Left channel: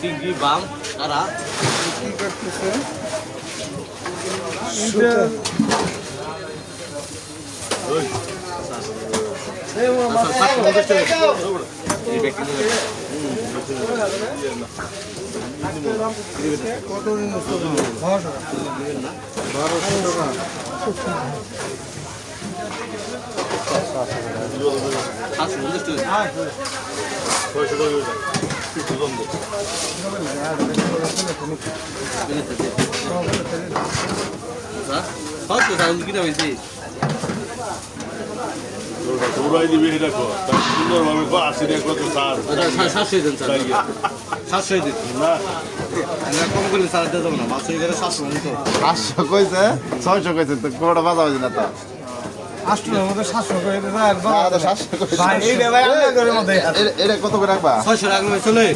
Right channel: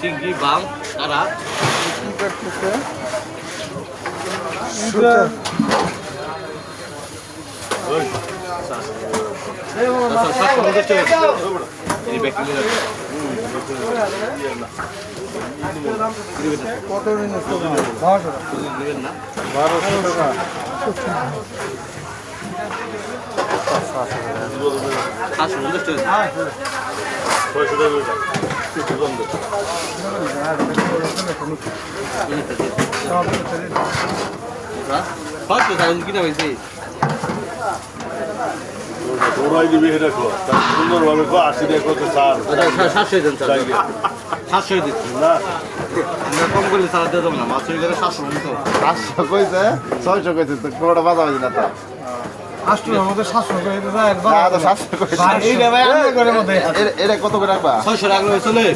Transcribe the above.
চিংড়ি বাম করতেছে কত দিন বারোশো টাকা তোরাই দিবি কর সুন্দরভাবে টাকা কত সার সাতশো দেন স্যার সাতশো দিন না কম করলে চালাতে দেবো না মাছ করে সাতশো মানে তো পাঁচশো কইছে? ছয়শো কইছে, তো কোনোটা বাজা হয়েছে না তো? এটা কত করে রাখবা? ছয়শো রাখলে চলে।